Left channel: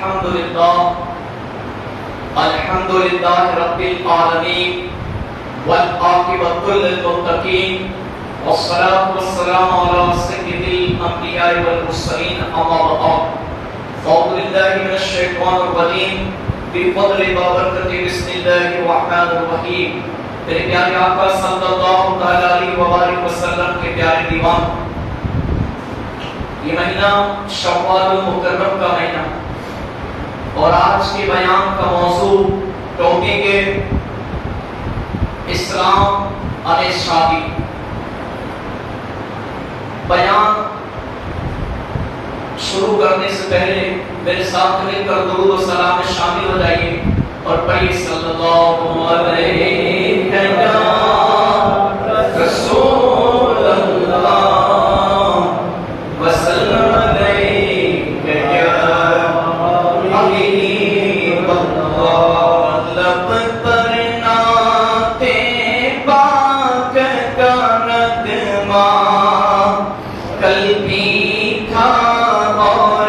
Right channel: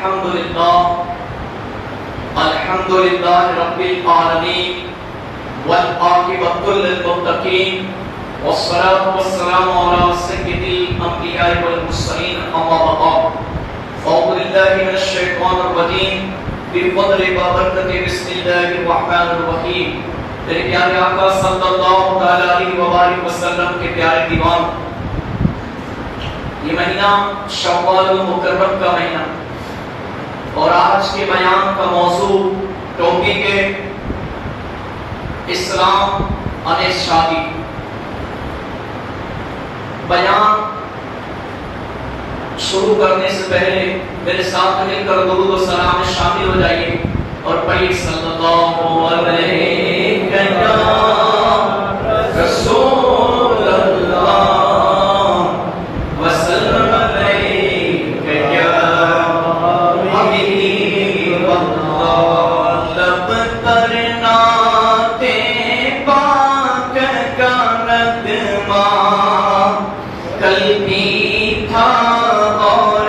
الحمد لله رب العالمين والعاقبة للمتقين والصلاة والسلام على سيد الأنبياء والمرسلين أما بعد فأعوذ بالله من الشيطان الرجيم بفضل وبركة بسم الله الرحمن الرحيم تیرے پیارے آقا صلی اللہ علیہ وآلہ وسلم کے پیارے دیوان، یہ مہینہ شوال مکرم کا مہینہ اور آج کے بیان کا موضوع ٹاپک ہے اسلام اور شادی۔ بیان شروع کرنے سے پہلے میرے ساتھ مل کر درود و سلام میں شامل ہو جائیے اور پڑھیے صلی اللہ علیہ رسول اللہ وسلم علیہ یا حبیب اللہ۔ لب پر نعت پاک کا نغمہ کل بھی تھا اور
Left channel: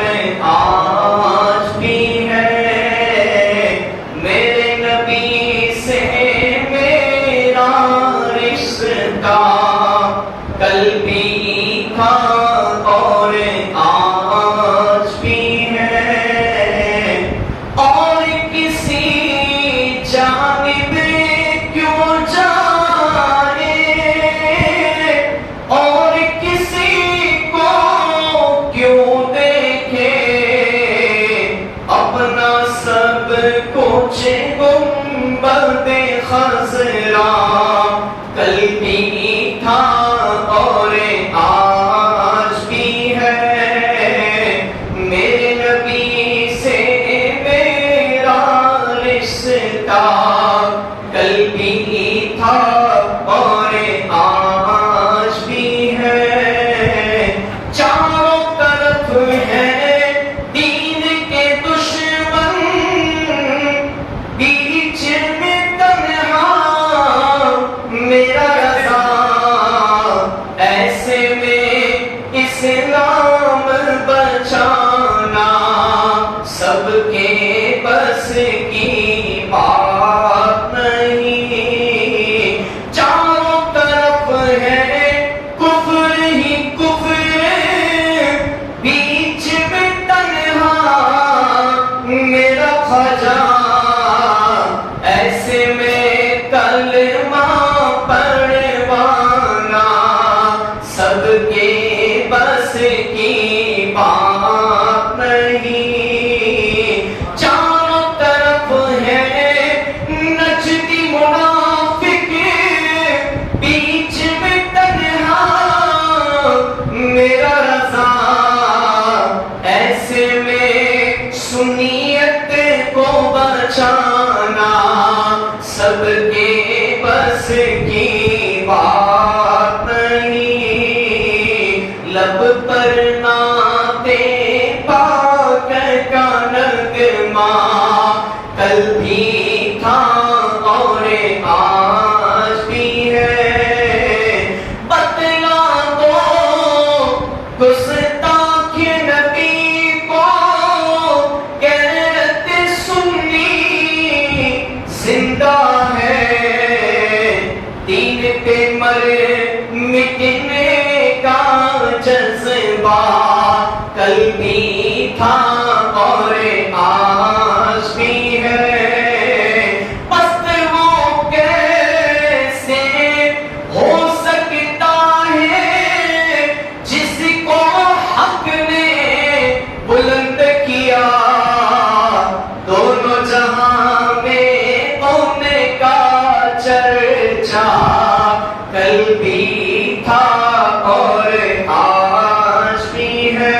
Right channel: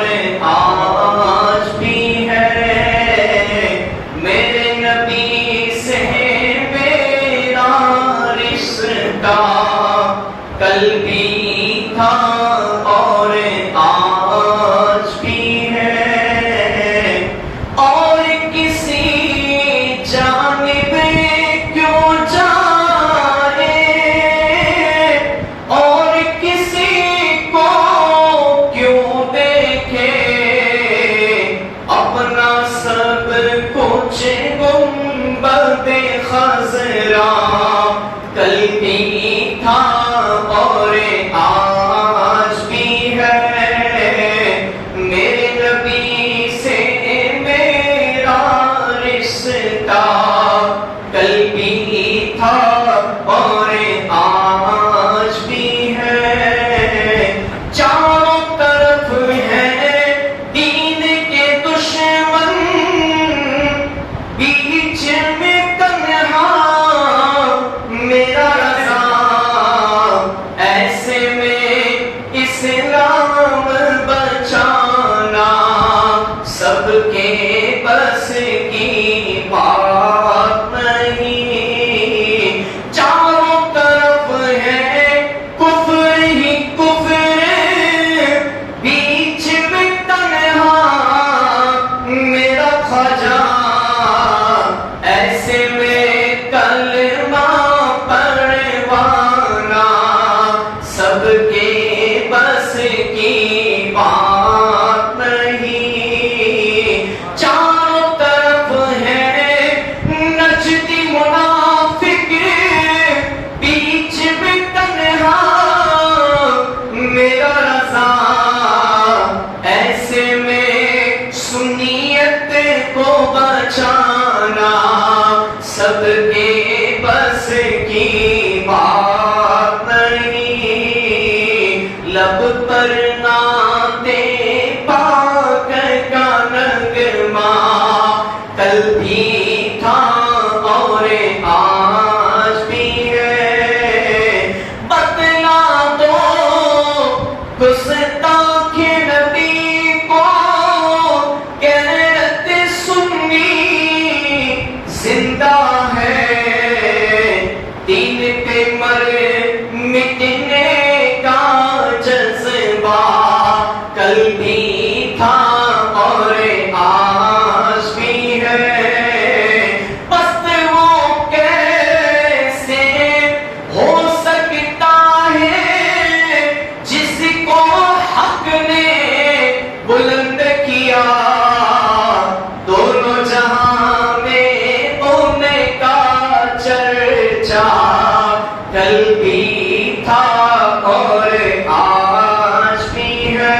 آج بھی ہے، میرے نبی سے میرا رشتہ کل بھی تھا اور آج بھی ہے، اور کسی جانب کیوں جائے اور کسی کو کیوں دیکھے، اپنا سب کچھ گنبد خضرا کل بھی تھا اور آج بھی ہے، میرے نبی سے میرا رشتہ کل بھی تھا اور آج بھی ہے، چاروں طرف ہے دین کے دشمن، بیچ میں تنہا میرا رضا، ایسے میں اسلام بچانا سب کے بس کی بات نہیں، چاروں طرف ہے کفر ہی کفر، بیچ میں تنہا میرا خواجہ، ایسے میں کلمہ پڑھوانا سب کے بس کی بات نہیں، چاروں طرف ہے نجدی منافق، بیچ میں تنہا میرا رضا، ایسے میں سنیت کو بچانا سب کے بس کی بات نہیں، لب پر نعت پاک کا نغمہ کل بھی تھا اور آج بھی ہے، بتلا دو گستاخ نبی کو غیرت سنی زندہ ہے، دین پہ مر مٹنے کا جذبہ کل بھی تھا اور آج بھی ہے، پست وہ کیسے ہو سکتا ہے جس کو حق نے بلند کیا، دونوں جہاں میں ان کا چرچا کل بھی تھا اور آج بھی ہے،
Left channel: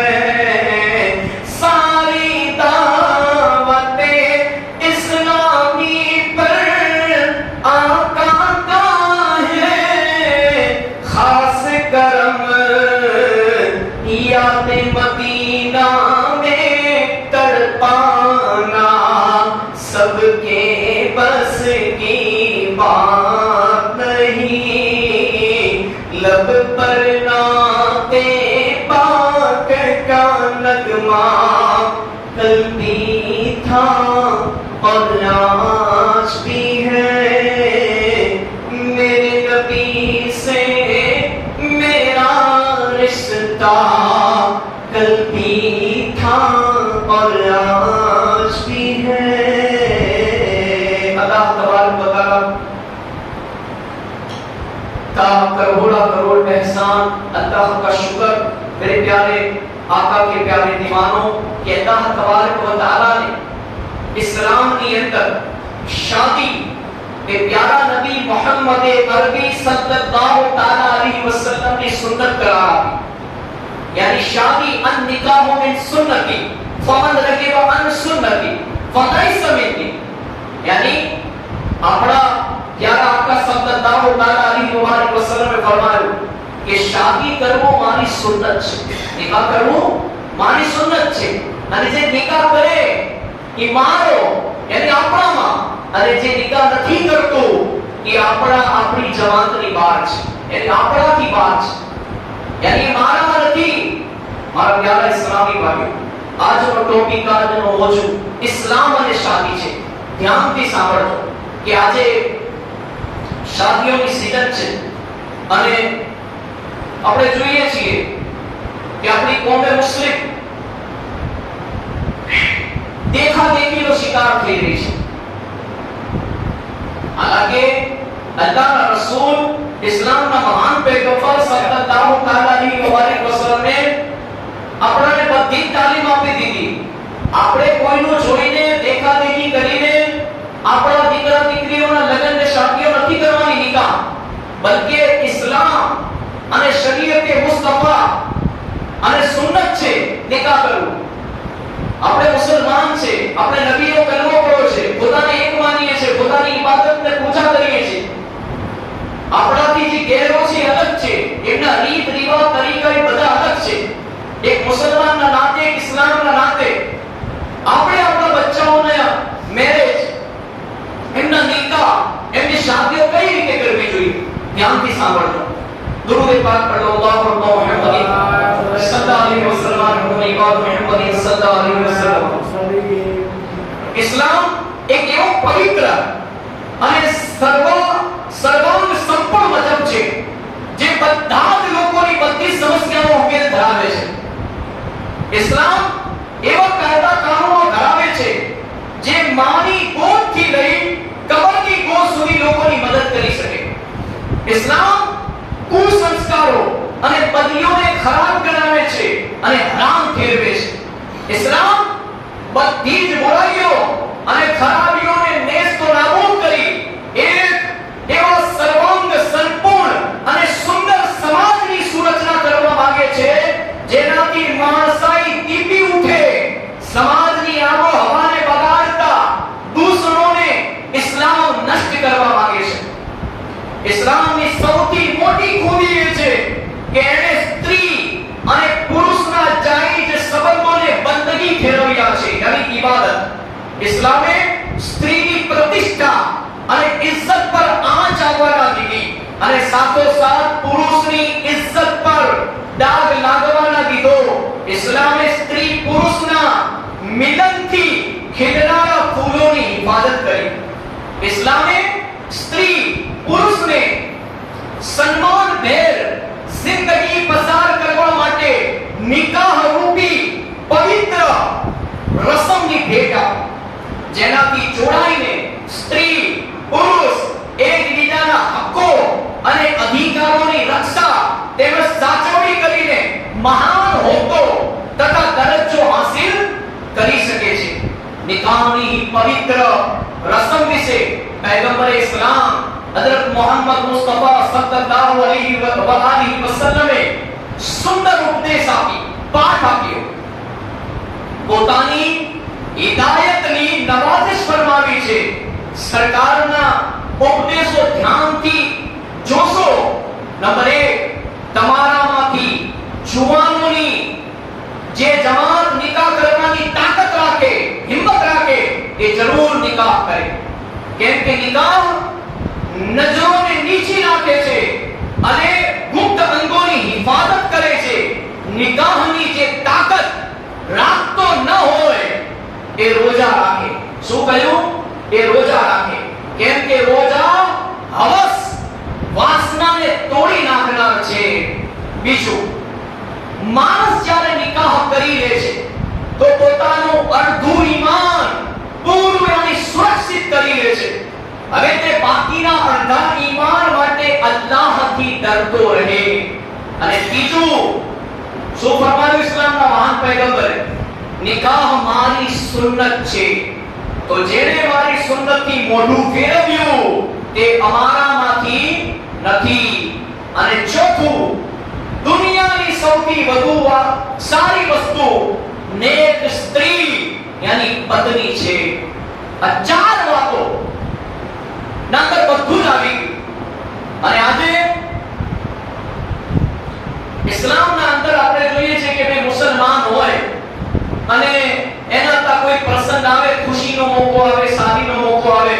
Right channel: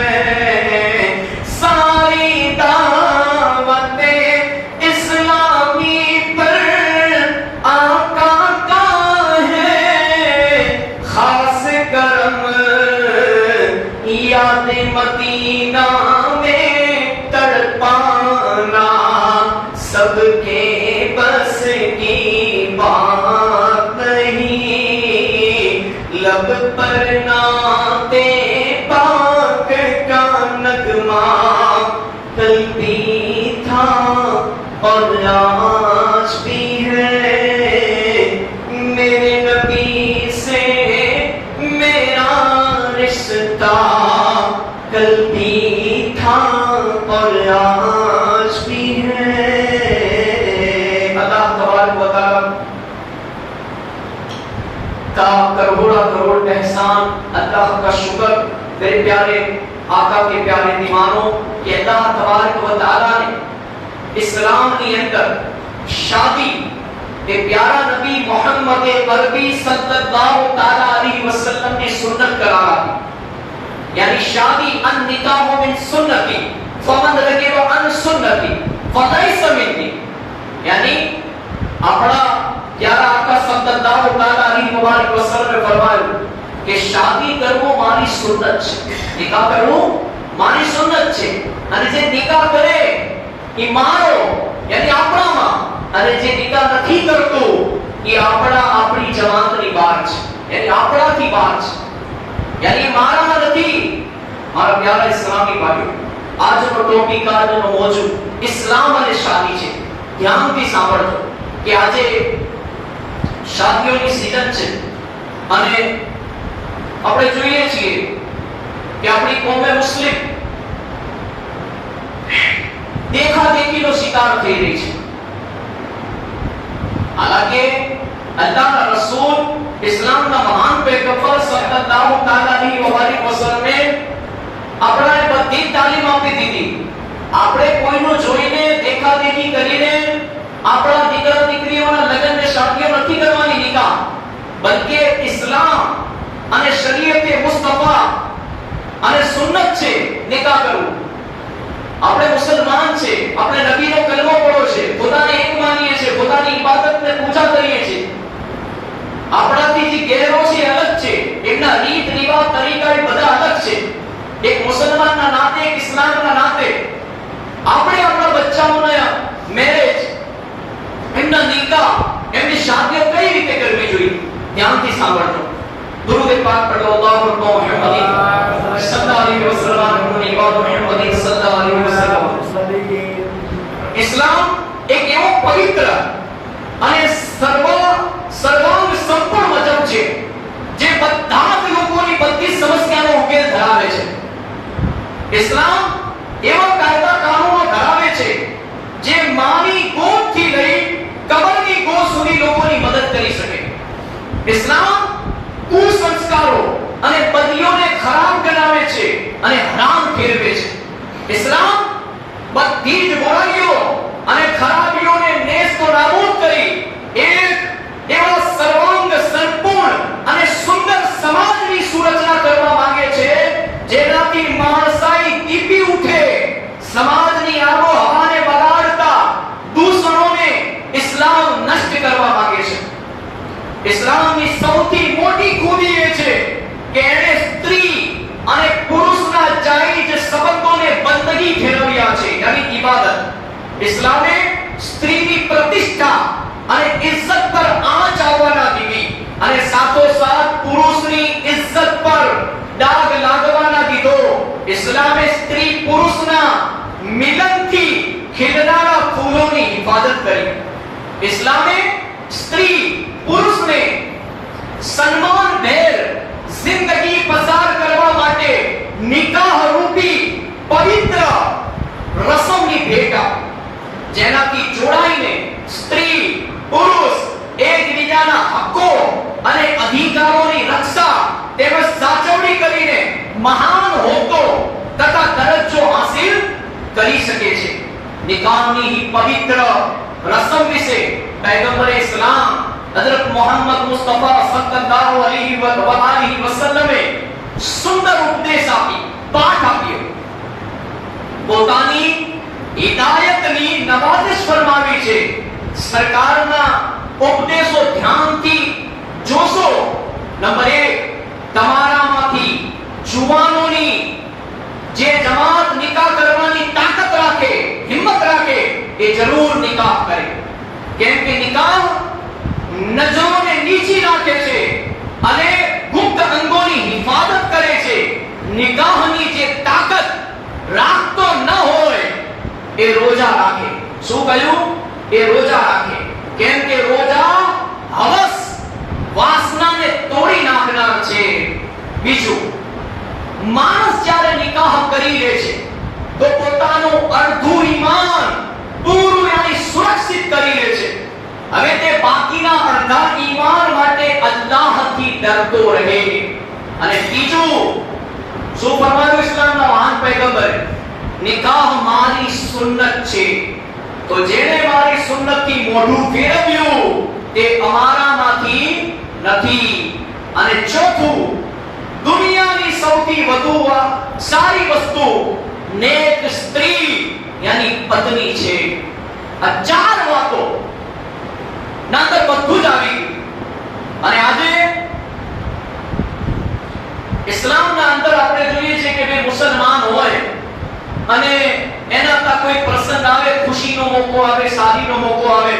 ساری دعوت اسلامی پر آقا کا ہے خاص کرم، یاد مدینہ میں تڑپانا سب کے بس کی بات نہیں، لب پر نعت پاک کا نغمہ کل بھی भी था और आज भी है, मेरे नबी से मेरा रिश्ता कल भी था और आज भी है। अल्लाह तबारक व तआला का करोड़ा करोड़ एहसान, अल्लाह का शुक्र मेरे प्यारे आका के प्यारे दीवानों कि अल्लाह तबारक व तआला ने इस्लाम के अंदर शादी के प्यारा नबी मोहम्मद अरबी सल्लल्लाहु तआला अलैहि वसल्लम की सुन्नत करार दी। यानी शादी अन निकाह मिन सुन्नती फमन रगिब अन सुन्नती फलैस मिन्नी। यानी अपना प्यारा आका सल्लल्लाहु तआला अलैहि वसल्लम ने फरमाया कि शादी करવો મારી સુન્નત છે, નિકાહ કરવો મારી સુન્નત છે, અને જે નિકાહ કરે એ મારો યાની આપણામાં, અને જે નિકાહ નથી કરતો એ આપણી જમાતની બહાર છે, યાની આપણાથી બહાર છે, યાની મારામાં નથી। મારા પ્યારા ઇસ્લામી ભાઈઓ, આજનો ટોપિક આજનો મોજું ઇસ્લામ અને શાદી છે। ધ્યાનથી સાંભળજો કે આજે શાદીઓની સીઝન છે અને આપણે જોઈએ છીએ કે આપણી કોમે મુસ્લિમ દેખાદેખીનો શિકાર થઈ રહી છે। હાલાકે અલ્લાહના રસૂલ ઇસ્લામના મહાન પૈગંબર સલ્લલ્લાહુ તઆલા અલૈહિ વસલ્લમે આપણાને બધી તાલીમ આપી દીધી। આપણે કોઈનું જોઈને દેખાદેખી કરીને આપણા દીકરા દીકરીઓના લગ્ન ને શાદીઓ નથી કરવાની નિકાહ, બલકે ઇસ્લામ અને શરીયતે મુસ્તફા અને સુન્નત છે નિકાહ કરવું। આપણે મુસલમાન છે, આપણે નબીનો કલમો પઢો છે, ખુદાને એક માનીએ છે, ખુદાની ઇબાદતને પૂજા કરીએ છીએ। આપણાથી જે ગેરો છે અલગ છે, એમના રીત રિવાજ તરીકા એ બધા અલગ છે। એક મુસલમાનના નાતે, એક ઇસ્લામના નાતે આપણે આપણા બચ્ચાઓના મેરેજ, એમના નિકાહ, એમની શાદીઓ કઈ રીતે કરવી જોઈએ, ધ્યાનથી સાંભળજો। दुरूद पाक पढ़ो अल्लाहु मुहम्मद सल्लल्लाहु अलैहि वसल्लम मुहम्मद सल्लल्लाहु अलैहि वसल्लम। इस्लाम एक एवो पवित्र અને સર્વાંગ સંપૂર્ણ મજહબ છે જે બધા જ લોકોની બધી સમસ્યાનો ઉકેલ ધરાવે છે। ઇસ્લામ એવા કાયદા કાનૂનો ધરાવે છે જે માની ગોદથી લઈ કબરની ગોદ સુધી લોકોની મદદ કરી શકે। ઇસ્લામ કુસંસ્કારો અને બદલીઓને ખરાબ ગણાવે છે અને હરામ ઠેરવે છે। ઇસ્લામ બધી જ બુરાઈઓ અને ખરાબીઓને નેસ્તો નાબૂદ કરી એક એવા સર્વાંગ સંપૂર્ણ અને સુંદર સમાજની સુરચના કરવા માંગે છે જેનાથી માણસાઈ દીપી ઉઠે। સમાજની આબોહવાને બગાડતા દૂષણોને ઇસ્લામ નષ્ટ કરવા માંગે છે। ઇસ્લામની સૌથી મોટી ખૂબી એ છે કે એણે સ્ત્રી અને પુરુષના જાયજ સંબંધોને બંદગી ઠેરવ્યા છે, યાની ઇબાદત। ઇસ્લામે સ્ત્રીની પ્રતિષ્ઠા અને ઇજ્જત પર આંચ આવવા ના દીધી અને સાથોસાથ પુરુષની ઇજ્જત પર દાગ લાગવા ના દીધો। ઇસ્લામે સ્ત્રી પુરુષના મિલનથી ખીલનારા ફૂલોની હિફાજત કરી। ઇસ્લામે સ્ત્રી પુરુષ ને સન્માન ભેર જિંદગી પસાર કરવા માટે નિકાહ રૂપી પવિત્ર રસમની ભેટ આપી, જેનાથી જોડાઈને સ્ત્રી પુરુષ એકબીજાના હક્કો અને અધિકારોની રક્ષા તેમજ સાચવણી કરીને મહાન હોદ્દો તથા દરજ્જો હાસિલ કરી શકે છે। નિકાહની પવિત્ર રસમ વિશે પૈગંબરે ઇસ્લામ हजरत मोहम्मद मुस्तफा सल्लल्लाहु अलैहि वसल्लम सुंदर उपदेश आपी, पाठ आप्यो। પોતાની હિદાયતની નવાઝિશ ફરમાવી છે। સરકારના ઉપદેશો ધ્યાનથી જોશો। નંબર 1, તમારામાંથી જુવાનોની જે જમાત નિકાહ કરવાની તાકાત રાખે, હિંમત રાખે, એ જરૂર નિકાહ કરે, કેમ કે નિકાહ નજરોને નીચી રાખે છે અને ગુપ્ત અંગોની હિફાજત કરે છે। નિકાહની જે તાકાત રાખતો ન હોય એ રોજા રાખે. શું કહ્યું? એ રોજા રાખે. કેમ કે રોજા હવસ વાસનાને તોડી નાખનાર છે. બીજું, માણસ જ્યારે નિકાહ કરી લે છે તો પોતાનું અડધું ઈમાન પૂરું યાની સુરક્ષિત કરી લે છે. હવે તે બાકીના અડધા ઈમાન માટે અલ્લાહથી ડરતો રહે. અને ત્રીજું, શું ફરમાવ્યું ઇસ્લામના મહાન પૈગંબરે? નિકાહ મારી સુન્નત છે, તો જેણે મારી સુન્નતથી મોઢું ફેરવ્યું તે અમારામાંથી નથી. અને ચોથું, દુનિયાની સૌથી વધુ સારી વસ્તુ નેક સ્ત્રી યાની પત્ની છે. આ ચાર વાતો ના અંદર બધું જ આવી ગયું. અને આજે ઇસ્લામના અંદર આપણે જોઈએ છે કે બે મુસલમાન હોય અને એના તા કોઈ પ્રસંગ આવે, ખુશીનો મોકો આવે, શાદીનો મોકો આવે,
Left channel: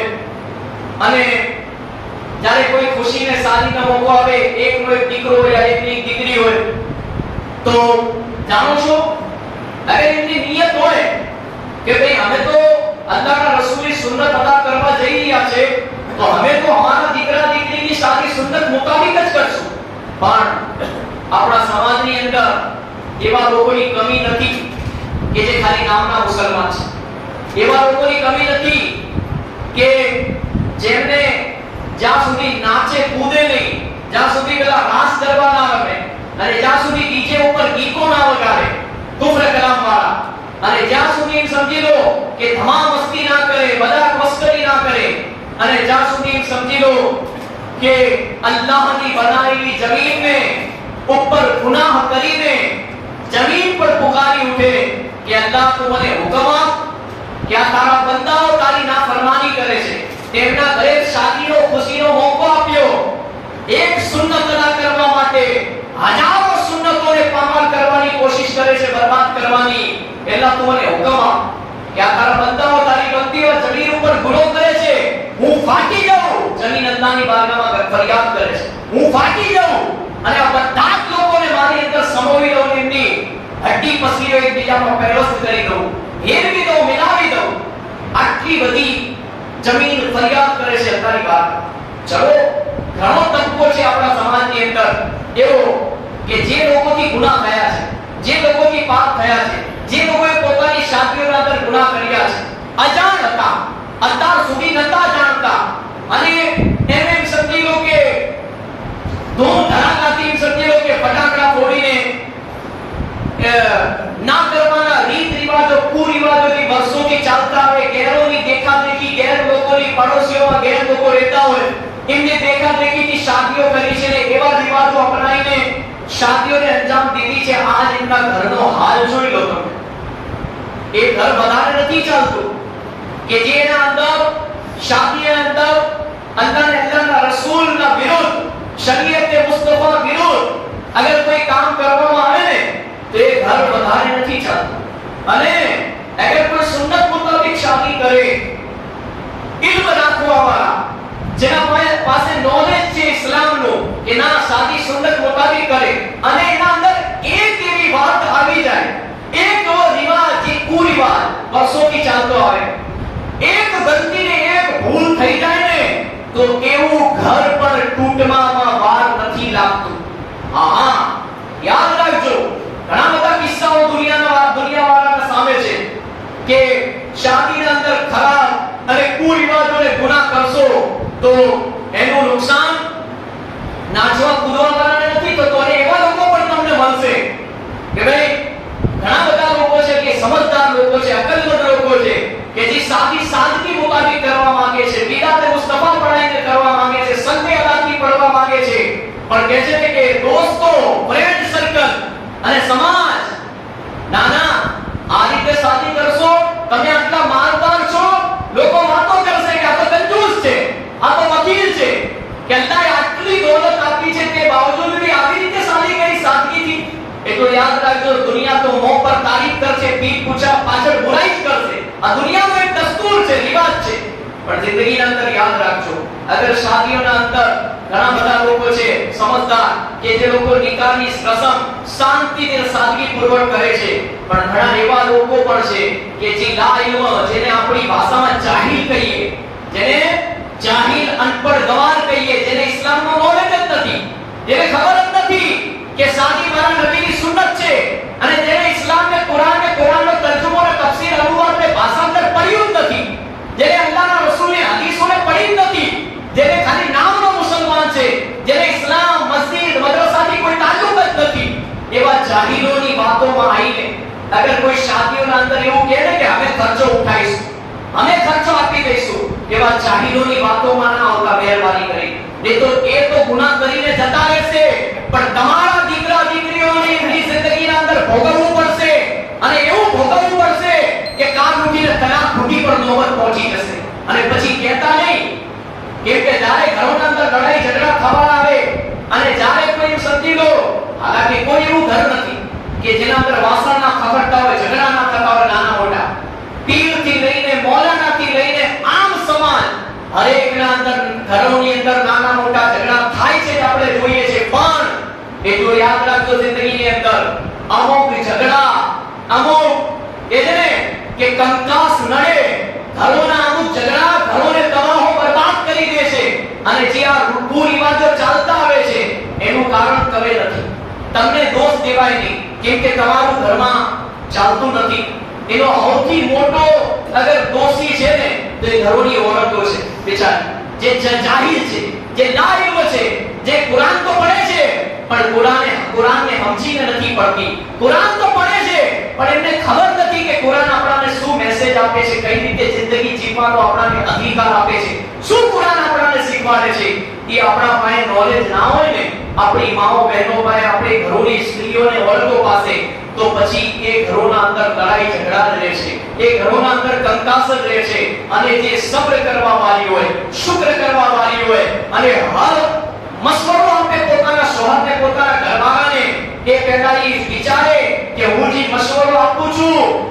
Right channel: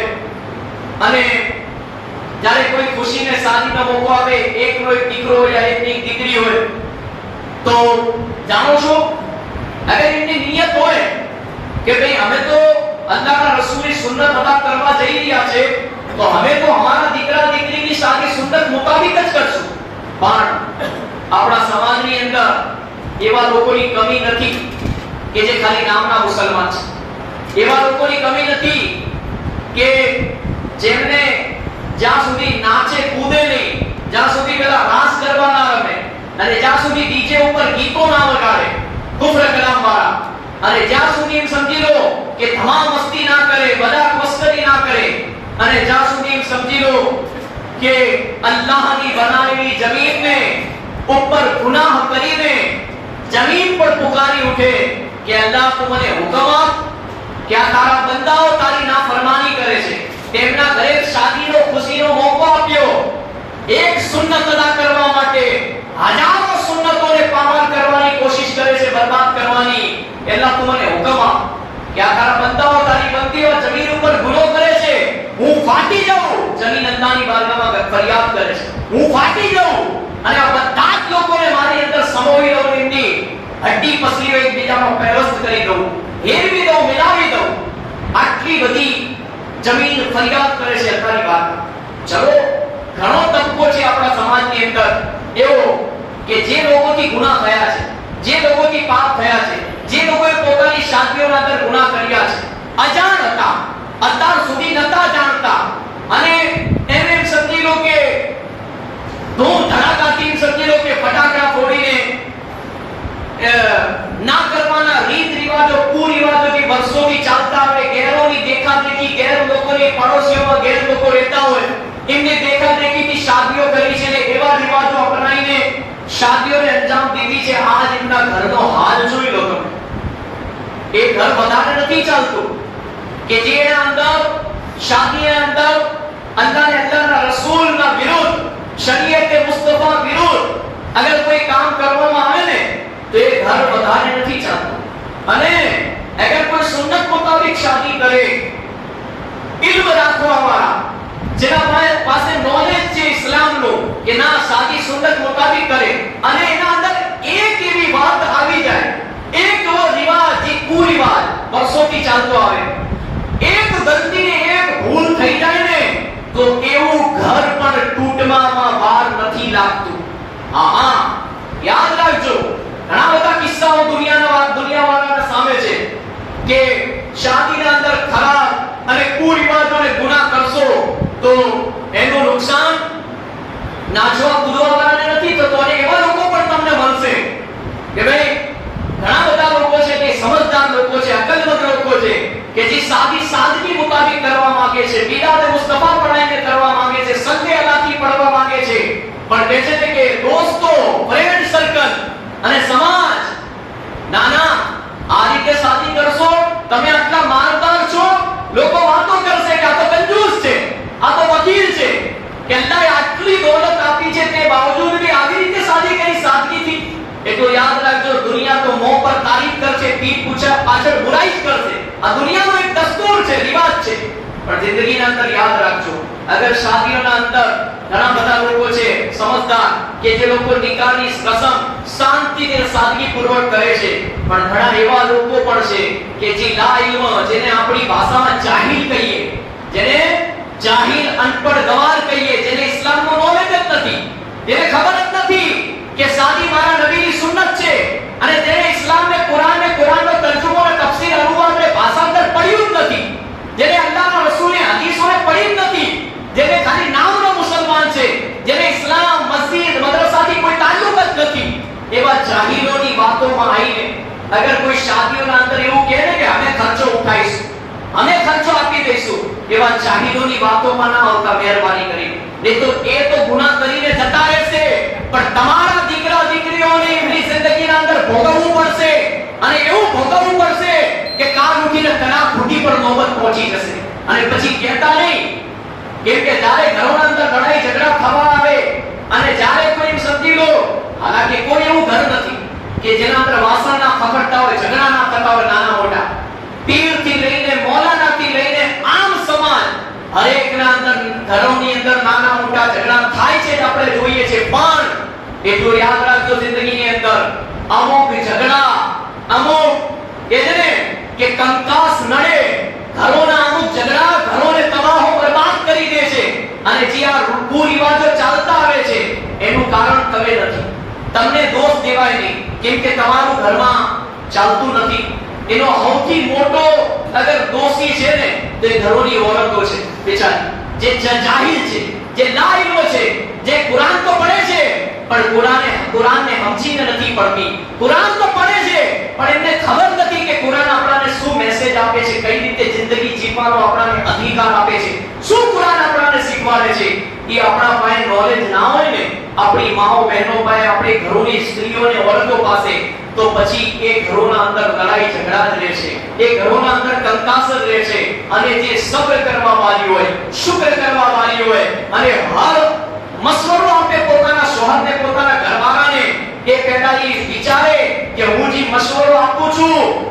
અને જ્યારે કોઈ ખુશીને શાદીનો મોકો આવે, એકનો એક દીકરો હોય, એકની એક દીકરી હોય, તો જાણો છો, અગર એમની નિયત હોય કે ભાઈ અમે તો અલ્લાહના રસૂલની સુન્નત અદા કરવા જઈ રહ્યા છે, તો અમે તો અમારા દીકરા દીકરીની શાદી સુન્નત મુતાબિક જ કરશું. પણ આપણા સમાજની અંદર એવા લોકોની કમી નથી કે જે ખાલી નામના મુસલમાન છે. એવા લોકોની કમી નથી કે જેમને જ્યાં સુધી નાચે કૂદે નહીં, જ્યાં સુધી પેલા રાસ ગરબા ના રમે, અને જ્યાં સુધી ડીજે ઉપર ગીતો ના વગાડે કુફર કલામ વાળા, અને જ્યાં સુધી એમ સમજી લો કે ધમા મસ્તી ના કરે, મજાક મસ્કરી ના કરે, અને જ્યાં સુધી એમ સમજી લો કે અલ્લાહની બનાવેલી જમીનને ઉપર ગુનાહ કરીને જમીન પર પુકારી ઉઠે કે અલ્લાહ તું મને હુકમ આપ કે આ તારા બંદાઓ તારી નાફરમાની કરે છે, તેમના ઘરે શાદીનો ખુશીનો મોકો આપ્યો, એક સુન્નત અદા કરવા માટે હજારો સુન્નતોને પામાલ કરવાની કોશિશ કરે છે, બરબાદ કરવાની. અલ્લાહ તું મને હુકમ આપ કે આ તારા બંદાઓ તારી બંદીઓ જમીન ઉપર ગુનો કરે છે, હું ફાટી જાઉં. જમીન અલ્લાહની બારગાહમાં ફરિયાદ કરે છે, હું ફાટી જાઉં અને આ બધા જ લોકોને મારી અંદર સમાવી દઉં, એમની હડ્ડી પસલીઓ એકબીજામાં પેવસ્ત કરી દઉં, હેરવી દઉં, મિલાવી દઉં. આટલી બધી જમીન ફરિયાદ કરે છે અલ્લાહની બારગાહમાં. ચલો, ઘણો તબકો છે આપણા સમાજની અંદર એવો કે જે લોકોથી ગુનાહ થયા છે, જે લોકોથી પાપ થયા છે, જે લોકોએ પોતાની શાદીઓના અંદર ગુનાહ કર્યા છે, અજાણ હતા, અત્યાર સુધી નતા જાણતા, અને એમ સમજી લો કે ધૂમ ધડાકાથી સમજી લો કે ફટાકડા ફોડીને ના કરવાના રીત રિવાજો, કુરિવાજોથી વર્ષોથી ચાલતા આવે, ગેરોની દેખાદેખી, ગેર લોકોની પાડોશીઓમાં ગેર લોકો રહેતા હોય, એમને દેખાદેખીથી શાદીઓ કરી છે ને એવા રિવાજો અપનાવીને શાદીઓને અંજામ દીધી છે. આજ એમના ઘરનો હાલ જોઈ લો તમે. એ ઘર વધારે નથી ચાલતું કે જેના અંદર શાદીના અંદર અલ્લાહ અને અલ્લાહના રસૂલના વિરુદ્ધ, શરીયતે મુસ્તફા વિરુદ્ધ અગર કોઈ કામ કરવામાં આવે ને તો એ ઘર વધારે નથી ચાલતું. અને અગર કોઈ સુન્નત મુતાબિક શાદી કરે, ઇલ્મ રાખવા વાળા, જેના પાસે નોલેજ છે ઇસ્લામનું કે ના શાદી સુન્નત મુતાબિક કરે, અને એના અંદર એક એવી વાત આવી જાય, એક એવો રિવાજ, જે કુરિવાજ વર્ષોથી ચાલતો આવે, એક ગલતીને એક ભૂલ થઈ જાય ને તો એવું ઘર પણ તૂટવામાં વાર નથી લાગતું. હા, યાદ રાખજો, ઘણા બધા કિસ્સાઓ દુનિયાવાળાના સામે છે કે શાદીના અંદર ખરાબ અને કુરિવાજોને ગુનાહ કરશો તો એનું નુકસાન નાચવા કૂદવા વાળાને નથી થતું, અને એવા લોકો પણ તમને મળશે કે ભાઈ ઘણા બધા લોકો છે કે સમજદાર લોકો છે, અકલમંદ લોકો છે કે જે શાદી સાદગી મુતાબિક કરવા માંગે છે, બિદાત મુસ્તફા પઢાઈને કરવા માંગે છે, સંતે અદાથી પડવા માંગે છે, પણ કહે છે કે દોસ્તો, ફ્રેન્ડ સર્કલ અને સમાજ, ના ના, આ રીતે શાદી કરશો તમે આટલા માલદાર છો, લોકો વાતો કરશે કે આ તો કંજૂસ છે, આ તો વકીલ છે, કે અલ્લાહે આટલી દોલત આપી છે તે બાવજૂદ બી આવી રીતે શાદી કરી સાદગીથી. એ તો યાદ રાખજો, દુનિયા તો મોં પર તારીફ કરશે, પીઠ પાછળ બુરાઈ જ કરશે. આ દુનિયાનો એક દસ્તુર છે, રિવાજ છે. પણ જિંદગીના અંદર યાદ રાખજો, અગર શાદીઓના અંદર ઘણા બધા લોકો છે સમજદાર કે જે લોકો નિકાહની રસમ શાંતિથી સાદગીપૂર્વક કરે છે, પણ ઘણા એવા લોકો પણ છે કે જે લા ઇલ્મ, જેને આપણી ભાષામાં જાહિલ કહીએ, જેને જાહિલ અનપઢ ગવાર કહીએ, જેને ઇસ્લામનો નોલેજ જ નથી, જેને ખબર જ નથી કે શાદી મારા નબીની સુન્નત છે, અને જેને ઇસ્લામને કુરાનનો તર્જુમો અને તફસીર અનુવાદ અને ભાષાંતર પડ્યું જ નથી, જેને અલ્લાહના રસૂલની હદીસોને પડી જ નથી, જેને ખાલી નામનો મુસલમાન છે, જેને ઇસ્લામ, મસ્જિદ, મદ્રસાથી કોઈ તાલ્લુક જ નથી, એવા જાહિલોની વાતોમાં આવીને અગર કોઈ શાદીઓના અંદર એવું કહે ને કે અમે ખર્ચો ઉઠાઈશું, અમે ખર્ચો આપી દઈશું, એવા જાહિલોની વાતોમાં ના આવતા મહેરબાની કરી, નહીં તો એ તો ગુનાહ કરીને જતા રહેશે, પણ તમારા દીકરા દીકરીઓને એમની જિંદગીના અંદર ભોગવવું પડશે, અને એવું ભોગવવું પડશે કે કાલ ઉઠીને તલાક ફૂટી પર નોબત પહોંચી જશે, અને પછી કહેતા નહીં કેમ કે જ્યારે ઘરોના અંદર લડાઈ ઝઘડા થવા આવે, અને જ્યારે કોઈ સમજી લો, હાલાકી કોઈ એવું ઘર નથી કે જેના અંદર વાસણ ના ખખડતા હોય, ઝઘડા ના થતા હોય, નાના મોટા પીરથી લઈને મૌલાનાથી લઈને આમ સમાજ હરેકના અંદર ઘરોની અંદર નાના મોટા ઝઘડા થાય છે, આપણે જોઈએ છે, પણ એટલું યાદ રાખજો જિંદગીની અંદર અમુક ઝઘડા, અમુક કે જેને કે કંકાસ નડે, ઘરોના અમુક ઝઘડા ઘરોને તબાહો બરબાદ કરી દે છે, અને જે આ કુરિવાજો ચાલતા આવે છે એનું કારણ તમે નથી, તમને દોષ દેવાય નહીં, કેમ કે તમારું ઘરમાં ચાલતું નથી, એનો સૌથી મોટો અગર દોષી છે ને તો એ ઘરોની ઓરતો છે બિચારી, જે જાહિલ છે, જે લાઇલ્મ છે, જે કુરાન તો પડે છે પણ કુરાનને સમજીને નથી પડતી, કુરાન તો પડે છે પણ એમને ખબર નથી કે કુરાન આપણને શું મેસેજ આપે છે, કઈ રીતે જિંદગી જીવવાનો આપણને અધિકાર આપે છે, શું કુરાન આપણને શીખવાડે છે, એ આપણા પાસે નોલેજ ના હોય ને, આપણી માઓ બહેનો પાસે, આપણી ઘરોની સ્ત્રીઓને વર્ગો પાસે, તો પછી એ ઘરોના અંદર લડાઈ ઝઘડા જ રહે છે, એ ઘરોના અંદર કંકાસ જ રહે છે, અને જે સબ્ર કરવા વાળી હોય, શુક્ર કરવા વાળી હોય, અને હર મસવરો આપે પોતાના શોહરને, પોતાના ઘરવાળાને, એ પહેલા એ વિચારે કે હું જે મસવરો આપું છું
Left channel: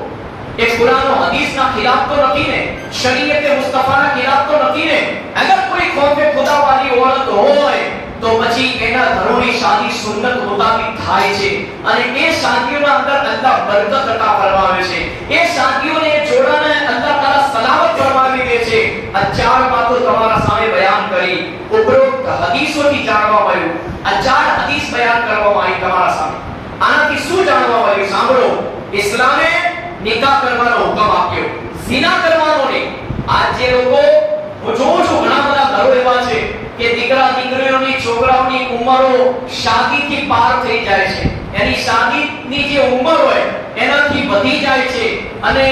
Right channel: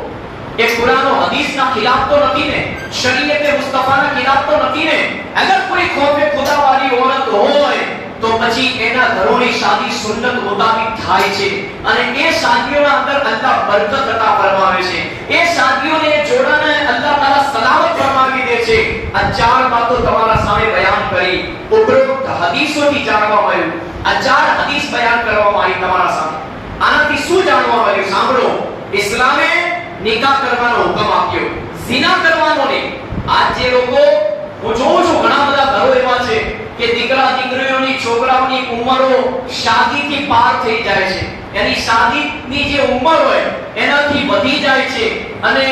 એ કુરાન હદીસના ખિલાફ તો નથી ને, શરીયત મુસ્તફાના ખિલાફ તો નથી ને, અગર કોઈ ખોફે ખુદા વાળી ઓરત હોય તો પછી એના ઘરોની શાદી સુન્નત મુતાબિક થાય છે, અને એ શાદીઓના અંદર અલ્લાહ બરકત અતા ફરમાવે છે, એ શાદીઓને એ જોડાને અલ્લાહ તાલા સલામત ફરમાવી દે છે. આ ચાર વાતો તમારા સામે બયાન કરી, ઉપરોક્ત હદીસોથી જાણવા મળ્યું, આ ચાર હદીસ બયાન કરવામાં આવી તમારા સામે. આનાથી શું જાણવા મળ્યું? સાંભળો, ઇસ્લામે નિકાહ કરવાનો હુકમ આપ્યો, ઝિના કરવાનો નહીં. આજ જે લોકો, હું જોઉં છું ઘણા બધા ઘરો એવા છે કે દીકરા દીકરીઓની, છોકરાઓની ઉંમરો શાદીથી પાર થઈ જાય છે, એની શાદીની જે ઉંમર હોય એનાથી વધી જાય છે, અને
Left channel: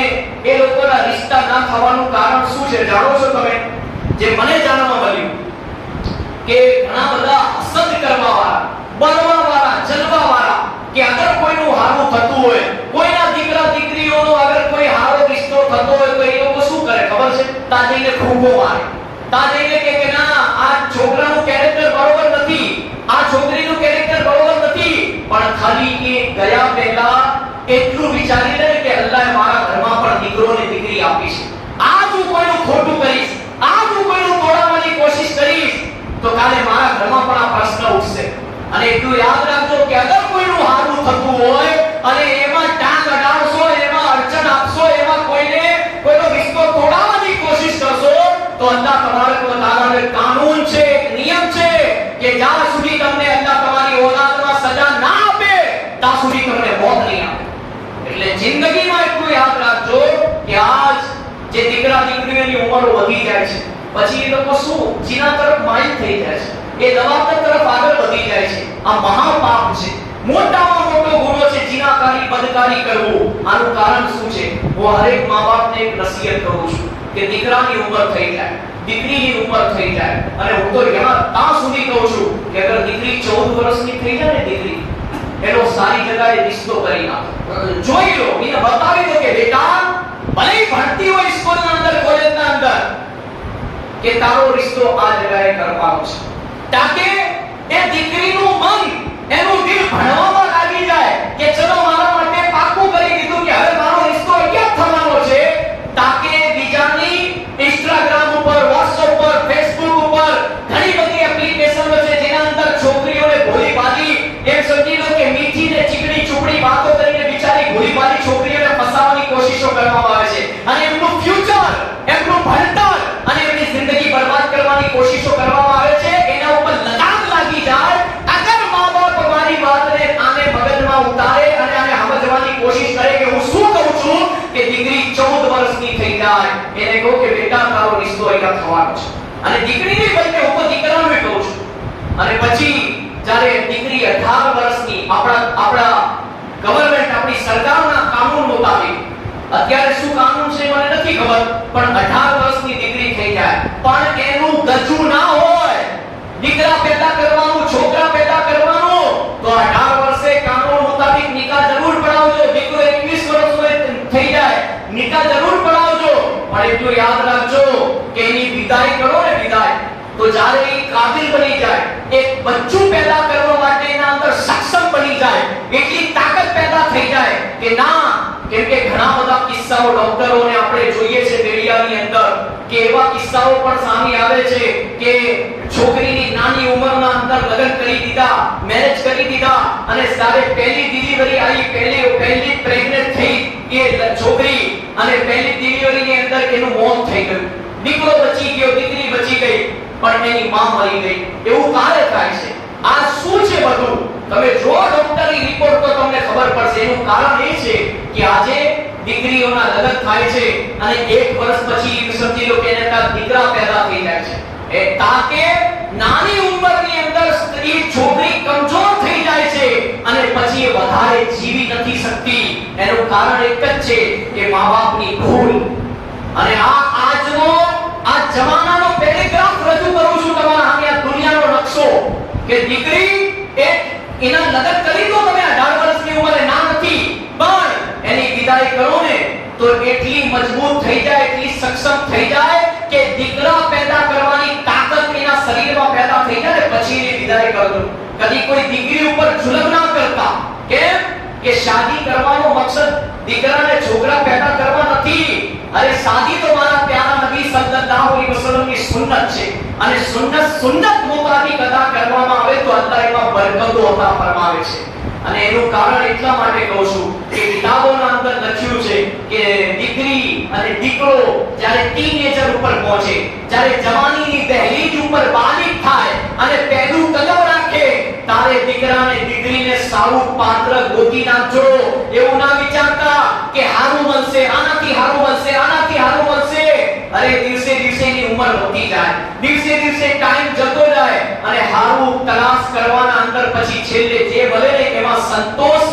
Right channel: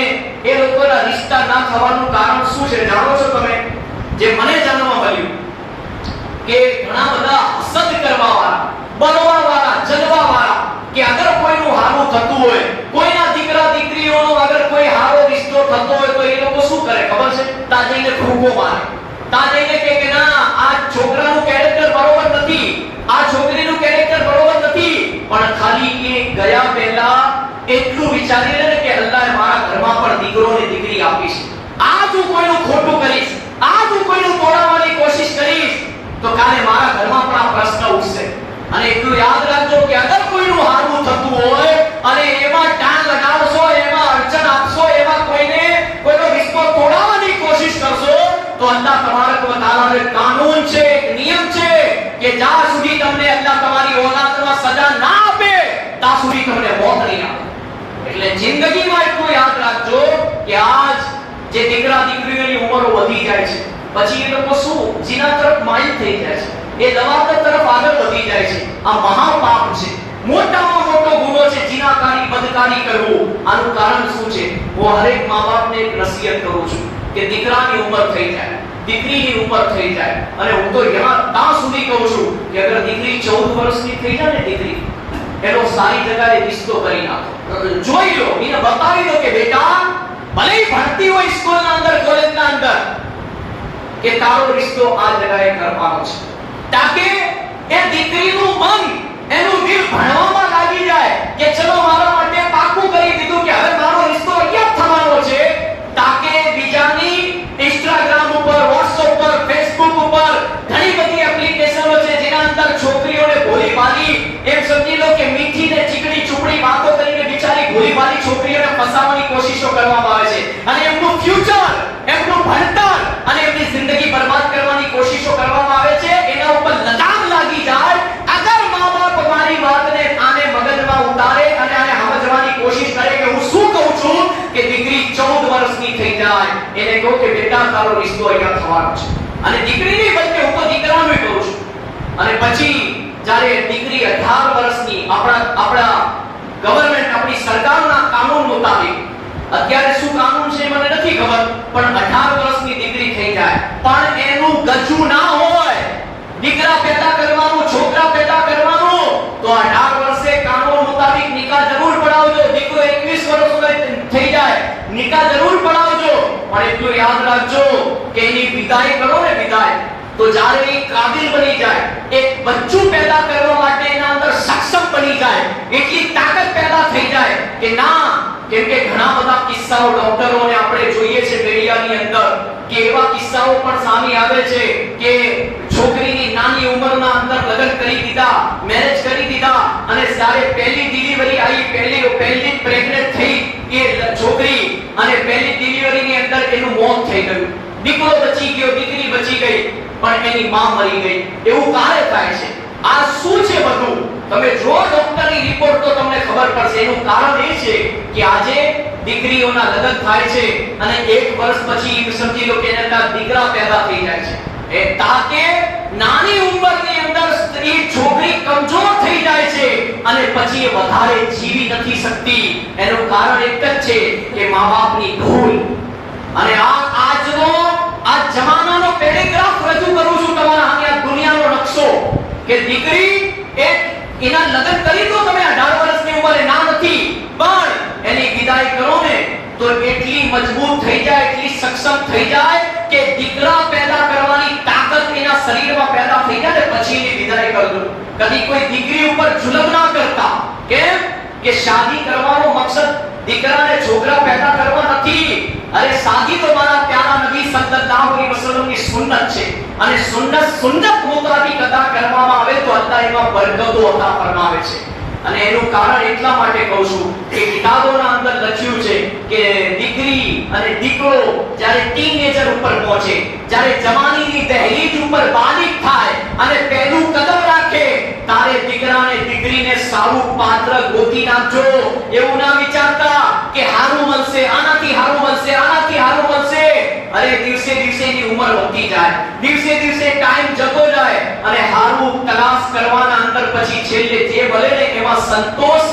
એ લોકોના રિશ્તા ના થવાનું કારણ શું છે જાણો છો તમે? જે મને જાણવા મળ્યું કે ઘણા બધા હસદ કરવા વાળા, બનવા વાળા, જલવા વાળા, કે અગર કોઈનું હારું થતું હોય, કોઈના દીકરા દીકરીઓનો અગર કોઈ હારો રિશ્તો થતો હોય તો એ લોકો શું કરે ખબર છે? તા જઈને ફૂંકો મારે, તા જઈને કે ના આ છોકરાનું કેરેક્ટર બરોબર નથી, આ છોકરીનું કેરેક્ટર બરોબર નથી, પણ ખાલી એ ગયા પહેલા એટલું વિચારી લે કે અલ્લાહે મારા ઘરમાં પણ દીકરો ને દીકરી આપી છે, આજ હું કોઈનું ખોટું કરીશ, આજ હું કોઈનું તોડાવવાની કોશિશ કરીશ તો કાલે મારા ઘરમાં પણ આ પ્રશ્ન ઉઠશે. અને એટલું યાદ રાખજો કે અગર કોઈનું હારું થતું હોય અને એમાં ટાંગ અડાડશો, એમાં અડચણ આપશો, એમાં કોઈનો રિશ્તો તોડાવવાની કોશિશ કરશો તો અલ્લાહ તબારક વ તઆલાનો એક કાનૂન છે, એક નિયમ છે કે જ્યાં સુધી તમને અલ્લાહ તમારી ઓલાદમાં સજા ના આપે ત્યાં સુધી તમને મોત નહીં આપે. એટલે જિંદગીમાં એટલું યાદ રાખજો કે આજ જે દીકરા દીકરીઓની ઉંમરો વધી જાય છે, પછી એ લોકો શું જીના તરફ માઇલ થઈ જાય છે, એ લવાતર તરફ આગળ વધી જાય છે. આ મહાપાપ છે, મોટામાં મોટો ગુનો છે જીનાકારી, બદકારી કરવું. આનું કારણ શું છે? હું હરેક મા-બાપને એક નસીહત કરું છું કે દીકરાની ઉંમર થઈ જાય, દીકરીની ઉંમર થઈ જાય, અને હું તો ત્યાં સુધી કહું છું કે અગર દીકરી 14 વર્ષની થઈ જાય ને, દીકરી એનો સારી જગ્યાએ રિશ્તો કરી નાખો, જોઈ લો, એને બતાવી દો કે બેટા ભલે ભણતી હોય સ્કૂલના અંદર, કોલેજના અંદર, કે તારો રિશ્તો આ જગ્યાએ કરવાનો છે, તાકે એ દીકરીનું મન, એનું દિલ ભણવામાં લાગી જાય કે ચલો મારા માટે પાકું કરી દીધું કે હવે મારો રિશ્તો અહીંયા થવાનો છે, તાકે બીજાની ઇન્સ્ટાગ્રામ ઉપર, મીઠી ને ચીકણી ચૂપડી વાતો કરીને બિચારી ભોળીભાલી છોકરીઓને ફસાવવાની કોશિશો કરવામાં આવે છે અને એમનું ફ્યુચર, એમનું ભણતર અને એમની જિંદગી બરબાદ કરવાની કોશિશો કરવામાં આવે છે. એના ઉપર લગામ લાગી જાય. અગર મા બાપ મારી વાતને આને મગજમાં ઉતારે અને આને સમજવાની કોશિશ કરે કે હું શું કહું છું, કે દીકરી 14 વર્ષની થઈ જાય, એને કહો કે બેટા તારો રિશ્તો અહીંયા થવાનો છે. અને દીકરીની વચ્ચે હું તો દીકરાનું કહું છું. અને પછી જ્યારે દીકરી 18 વર્ષની આપણા ગવર્નમેન્ટ, આપણી સરકારના કાનૂન મુતાબિક, અત્યારે શું કાનૂન છે મને નથી ખબર, પણ 18 વર્ષની દીકરી થઈ જાય પણ એનું ગજુ ના હોય, દીકરા પેદા કરવાનું, છોકરા પેદા કરવાનું, તો 18 વર્ષે કાનૂન મુતાબિક નિકાહ જરૂર પડાવજો. દીકરો 21 વર્ષનો થઈ જાય, નિકાહ જરૂર પડાવજો. પણ એટલું યાદ રાખજો કે એની વિદાય કરો ને, વિદાય તો જ્યારે એ કાબિલ બની જાય, એક બચ્ચું પેદા કરવા માટે એના અંદર સક્ષમ બની જાય, એટલી તાકાત પેદા થઈ જાય કે ના, કેમ કે ઘણા બધા કિસ્સાઓ ડોક્ટરોને આપણે જોઈએ છે મીડિયાની અંદર કે એવા કિસ્સાઓ પણ સામે આવે છે કે છોકરીની નાની ઉંમરના અંદર લગ્ન કરી દીધા, મેરેજ કરી દીધા અને જ્યારે પહેલી ડિલિવરી આવી, પહેલી પ્રેગ્નન્ટ થઈ એ છોકરી અને પહેલી ડિલિવરીની અંદર એનું મોત થઈ ગયું. દીકરો બચી ગયો, દીકરી બચી ગઈ, પણ એની માં મરી ગઈ. એવું કારે થાય છે? આ શું છે બધું? તમે જો ડોક્ટરની રિપોર્ટ તો તમને ખબર પડશે. એનું કારણ એ છે કે આજે દીકરીઓના લગ્ન થાય છે અને 1 વર્ષ પછી સમજી લો કે એના દીકરા પેદા થઈ જાય છે. એ તાકે નાની ઉંમરની અંદર સ્ત્રી, છોકરી કમજોર થઈ જાય છે અને પછી એ વધારે જીવી નથી શકતી. એનું કારણ એક જ છે કે મા-બાપની ભૂલ. અને આ જમાનાનો પેરેગ્રાફ રજૂ કરું છું તમારા સામે, આ દુનિયાનો નકશો, કે દીકરી એના લગ્ન કરી દો તમે 18 વર્ષની ઉંમરે, ના નથી, પણ એની વિદાય કરો ને તો એટલી મજબૂત થઈ જાય, એટલી સક્ષમ થઈ જાય કે દીકરા પેદા કરવાની તાકાત એના શરીરમાં પેદા થઈ જાય ને પછી એની વિદાય કરજો. કદી કોઈ દીકરી ઉપર જુલમ ના કરતા. કેમ કે શાદી કરવાનો મકસદ દીકરાને છોકરા પેદા કરવા નથી. અરે શાદી તો મારા પ્યારા નબી સલ્લલ્લાહુ અલૈહિ વસલ્લમની સુન્નત છે અને સુન્નત મુતાબિક અદા કરવામાં આવે તો અલ્લાહ એમાં બરકતો અતા ફરમાવે છે. અને એનું કારણ એટલા માટે કહું છું કે કિતાબોના અંદર લખ્યું છે કે દીકરી અને દીકરો જ્યારે ટીનેજર ઉપર પહોંચે, જ્યારે જવાનીની દહેલીજ ઉપર બાલિગ થાય અને પહેલું કદમ રાખે, તારે દીકરાને દીકરીને સારું પાત્ર ગોતી નાખજો. એવું ના વિચારતા કે હારું મળશે, આનાથી હારું મળશે, આનાથી હારું મળશે. અરે દિવસે દિવસે એની ઉંમર વધતી જાય, દિવસે દિવસે ટાઈમ જતો જાય અને હારું તલાશ કરવાના અંદર પછી છેલ્લે જે ભલે ને એમાં સંતોષ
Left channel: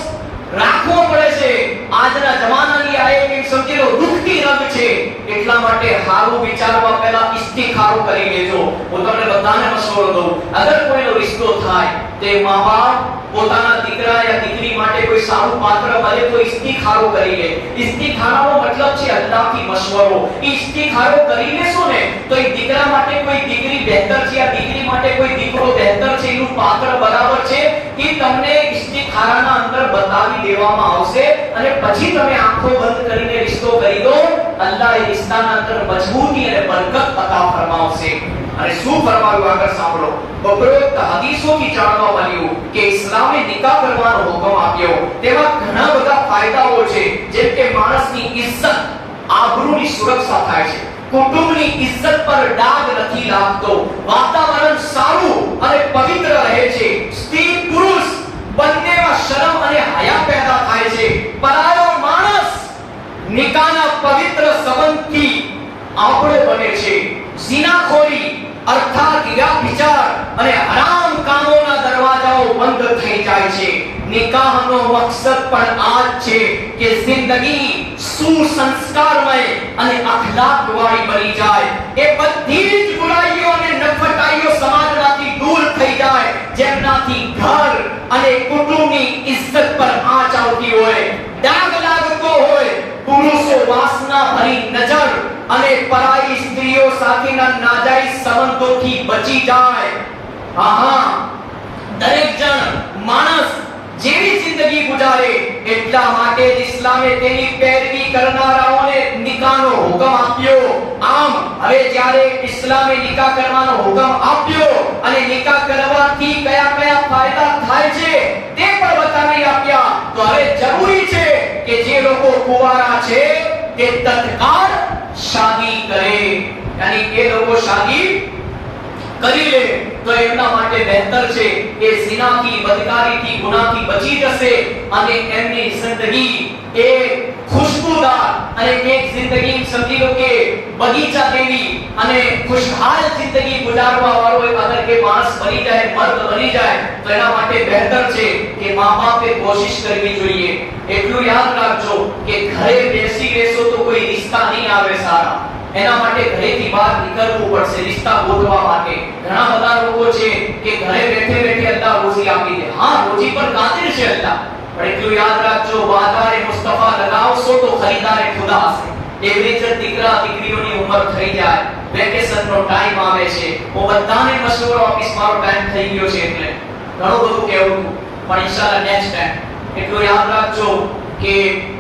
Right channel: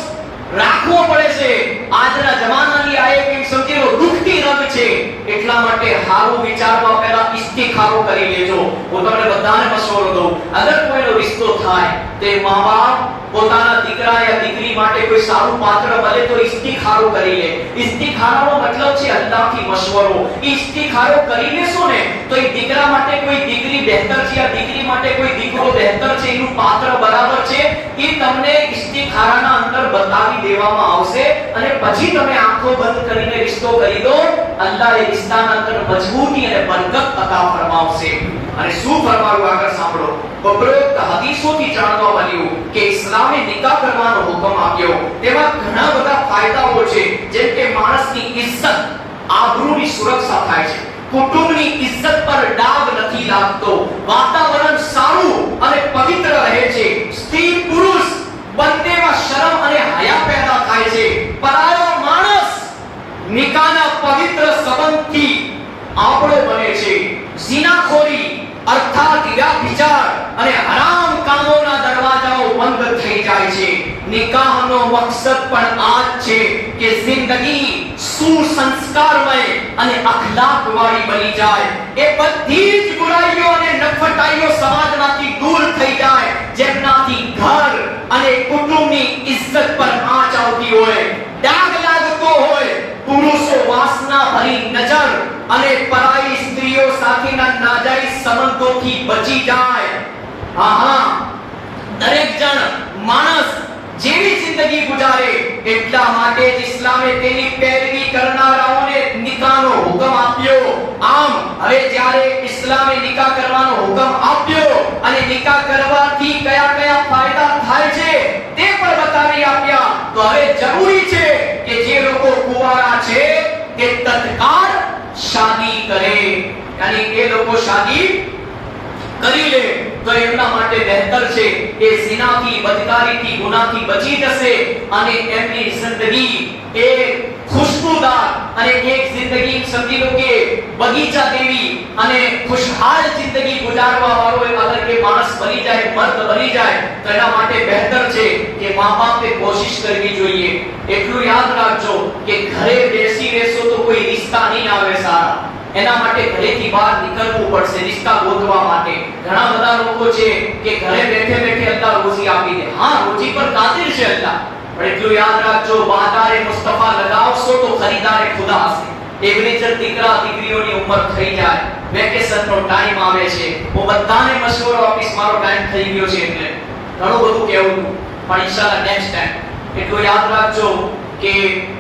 રાખવો પડે છે. આજના જમાનાની આ એક સમજી લો દુખતી રંગ છે. એટલા માટે હારું વિચારવા પહેલા ઇસ્તિખારો કરી લેજો. હું તમને બધાને મશવરો દઉં, અગર કોઈનો રિશ્તો થાય તે મા-બાપ પોતાના દીકરા યા દીકરી માટે કોઈ સારું પાત્ર મળે તો ઇસ્તિખારો કરી લે. ઇસ્તિખારાનો મતલબ છે અલ્લાહથી મશવરો. ઇસ્તિખારો કરી લેશો ને તો એ દીકરા માટે કોઈ દીકરી બહેતર છે યા દીકરી માટે કોઈ દીકરો બહેતર છે, એનું પાત્ર બરાબર છે, એ તમને ઇસ્તિખારાના અંદર બતાવી દેવામાં આવશે અને પછી તમે આંખો બંધ કરીને રિશ્તો કરી દો. અલ્લાહ એ રિશ્તાના અંદર મજબૂતી અને બરકત અતા ફરમાવશે. અને શું ફરમાવ્યું આગળ સાંભળો. ઉપરોક્ત હદીસોથી જાણવા મળ્યું કે ઇસ્લામે નિકાહ કરવાનો હુકમ આપ્યો. તેમાં ઘણા બધા ફાયદાઓ છે, જેમ કે માણસની ઇજ્જત, આબરૂની સુરક્ષા થાય છે, કુટુંબની ઇજ્જત પર ડાઘ નથી લાગતો, વાતાવરણ સારું અને પવિત્ર રહે છે, સ્ત્રી પુરુષ બંનેમાં શરમ અને હયા પેદા થાય છે, પરાયો માણસ નિકાહના પવિત્ર સંબંધથી આપણો બને છે, ઝિનાખોરી અર્થાત વ્યભિચાર અને હરામ કામોના દરવાજાઓ બંધ થઈ જાય છે. નિકાહનો મકસદ પણ આ જ છે કે જિંદગી સુસંસ્કારમય અને અખલાકવાળી બની જાય. એ બધી જ બુરાઈઓ અને નફટાઈઓ સમાજમાંથી દૂર થઈ જાય, જેમનાથી ઘર અને કુટુંબની ઇજ્જત પર આંચ આવતી હોય, ડાઘ લાગતો હોય, પુરુષો વાસના ભરી નજર અને પરાઈ સ્ત્રીઓ સાથેના નાજાયઝ સંબંધોથી બચી જાય. દરેક જણ માણસ જેવી જિંદગી ગુજારે એટલા માટે જ ઇસ્લામે તેની પેરવી કરનારાઓને નિકાહનો હુકમ આપ્યો. આમ હવે જ્યારે ઇસ્લામે નિકાહ કરવાનો હુકમ આપ્યો અને નિકાહ કરવાથી કયા કયા ફાયદા થાય છે તે પણ બતાવી જરૂરી છે કે જે લોકો કુંવારા છે તે તત્કાળ શાદી કરે, યાની એ લોકો શાદી કરી લે તો એમના માટે બહેતર છે. એ ઝિનાથી, બદકારીથી, ગુનાહથી બચી જશે અને એમની જિંદગી એ ખુશબુદાર અને એક જિંદગી સમજી લો કે બગીચા જેવી અને ખુશહાલ જિંદગી ગુજારવા વાળો અગર કે માણસ બની જાય, મર્દ બની જાય તો એના માટે બહેતર છે કે મા બાપે કોશિશ કરવી જોઈએ. એટલું યાદ રાખજો કે ઘરે બેસી રહેશો તો કોઈ રિશ્તા નહીં આવે સારા. એના માટે ઘરેથી બહાર નીકળવું પડશે રિશ્તા ગોતવા માટે. ઘણા બધા લોકો છે કે ઘરે બેઠે બેઠે અલ્લાહ રોજી આપી દે. હા, રોજી પર કાદિર છે અલ્લાહ, પણ એટલું યાદ રાખજો બાજારે મુસ્તફા લગાવશો તો ખરીદારે ખુદા હશે. એવરેજર દીકરા દીકરીઓની ઉંમર થઈ જાય, વેકેશનનો ટાઈમ આવે છે, હું બધાને મશવરો આપીશ, મારો ટાઈમ થઈ ગયો છે એટલે ઘણું બધું કહેવું પણ ઇન્શાલ્લાહ નેક્સ્ટ ટાઈમ. એટલું યાદ રાખજો કે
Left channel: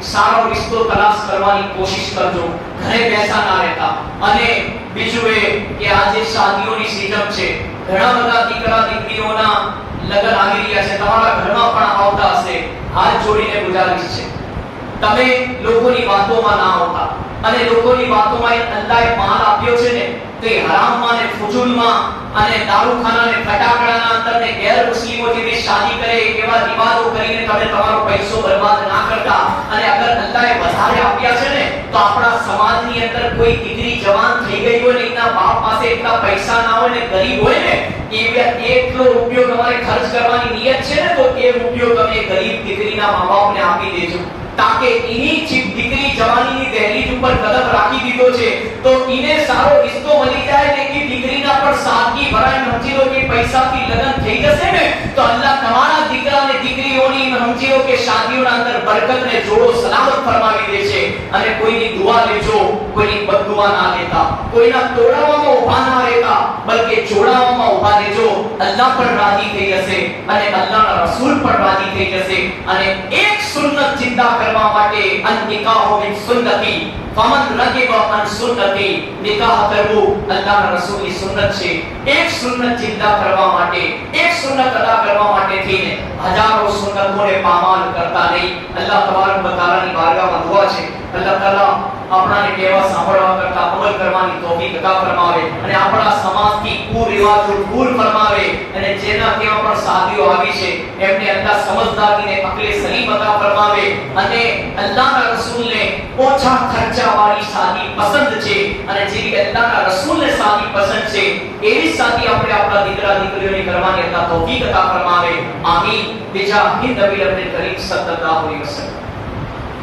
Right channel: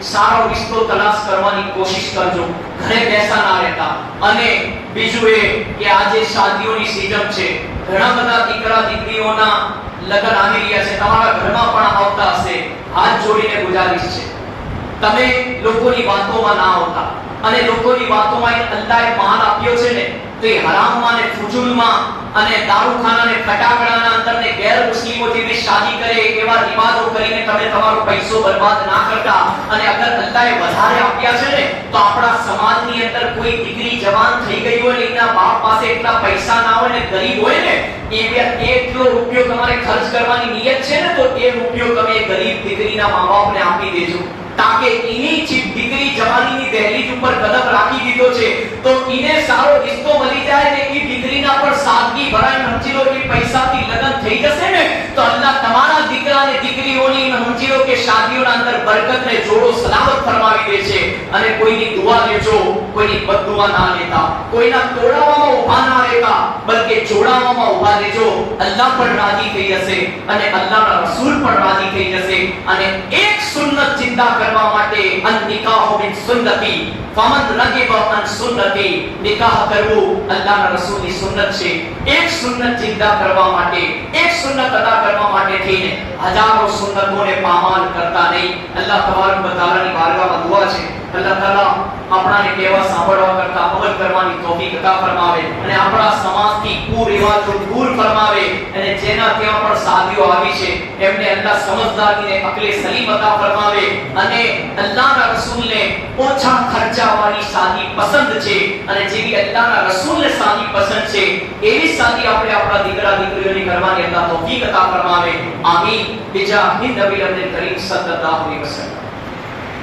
સારો રિશ્તો તલાશ કરવાની કોશિશ કરજો, ઘરે બેસા ના રહેતા. અને બીજું એ કે આજે શાદીઓની સીઝન છે, ઘણા બધા દીકરા દીકરીઓના લગ્ન આવી રહ્યા છે, તમારા ઘરમાં પણ આવતા હશે. હાથ જોડીને ગુજારિશ છે તમે લોકોની વાતોમાં ના આવતા, અને લોકોની વાતોમાં અલ્લાહે માલ આપ્યો છે ને તો એ હરામમાં ને ફુજૂલમાં અને દારૂખાના ને ફટાકડાના અંદર ને ગેર મુસ્લિમો જેવી શાદી કરે એવા રિવાજો કરીને તમે તમારો પૈસો બરબાદ ના કરતા. અને અગર અલ્લાહે વધારે આપ્યા છે ને તો આપણા સમાજની અંદર કોઈ દીકરી જવાન થઈ ગઈ હોય ને એના બાપ પાસે એટલા પૈસા ના હોય ને ગરીબ હોય ને એટલો રૂપિયો તમારે ખર્ચ કરવાની નિયત છે ને તો એ રૂપિયો તમે ગરીબ દીકરીના મા બાપને આપી દેજો, તાકે એની દીકરી જવાનીની દહેલીજ ઉપર કદમ રાખી દીધો છે તો એને સારો રિશ્તો મળી જાય ને કે દીકરીના પર સાદગી ભરાય, સમજી લો કે પૈસાથી લગ્ન થઈ જશે ને તો અલ્લાહ તમારા દીકરા અને દીકરીઓની સમજી લો કે શાદીઓના અંદર બરકત ને જોડો સલામત ફરમાવી દે છે. અને કોઈની દુઆ લેજો, કોઈની બદદુઆ ના લેતા, કોઈના તોડાવામાં ઊભા ના રહેતા, બલકે જોડાવામાં ઊભા રહેજો. અલ્લાહ પણ રાજી થઈ જશે અને અલ્લાહના રસૂલ પણ રાજી થઈ જશે. અને એક સુન્નત જિંદા કરવા માટે અન નિકાહ મિન સુન્નતી ફમન રગિબ અન સુન્નતી, નિકાહ કરવું અલ્લાહના રસૂલની સુન્નત છે. એક સુન્નત જિંદા કરવા માટે, એક સુન્નત અદા કરવા માટે થઈને હજારો સુન્નતોને પામાલ કરતા નહીં. અલ્લાહ તબારક વ તઆલાની બારગાહમાં દુઆ છે અલ્લાહ તાલા આપણાને કહેવા સાંભળવા કરતા અમલ કરવાની તૌફીક અતા ફરમાવે અને આપણા સમાજથી કુરિવાજો દૂર ફરમાવે. અને જેના ત્યાં પણ શાદીઓ આવી છે એમને અલ્લાહ સમજદારીને અકલે સલીમ અતા ફરમાવે. અને અલ્લાહના રસૂલને ઓછા ખર્ચાવાળી શાદી પસંદ છે અને જેવી અલ્લાહના રસૂલને શાદી પસંદ છે એવી શાદી આપણે આપણા દીકરા દીકરીઓની કરવાની અલ્લાહ તૌફીક અતા ફરમાવે. આમીન. બીજા નબી અબ્દુલ કરીમ સલ્લલ્લાહુ અલૈહિ વસલ્લમ.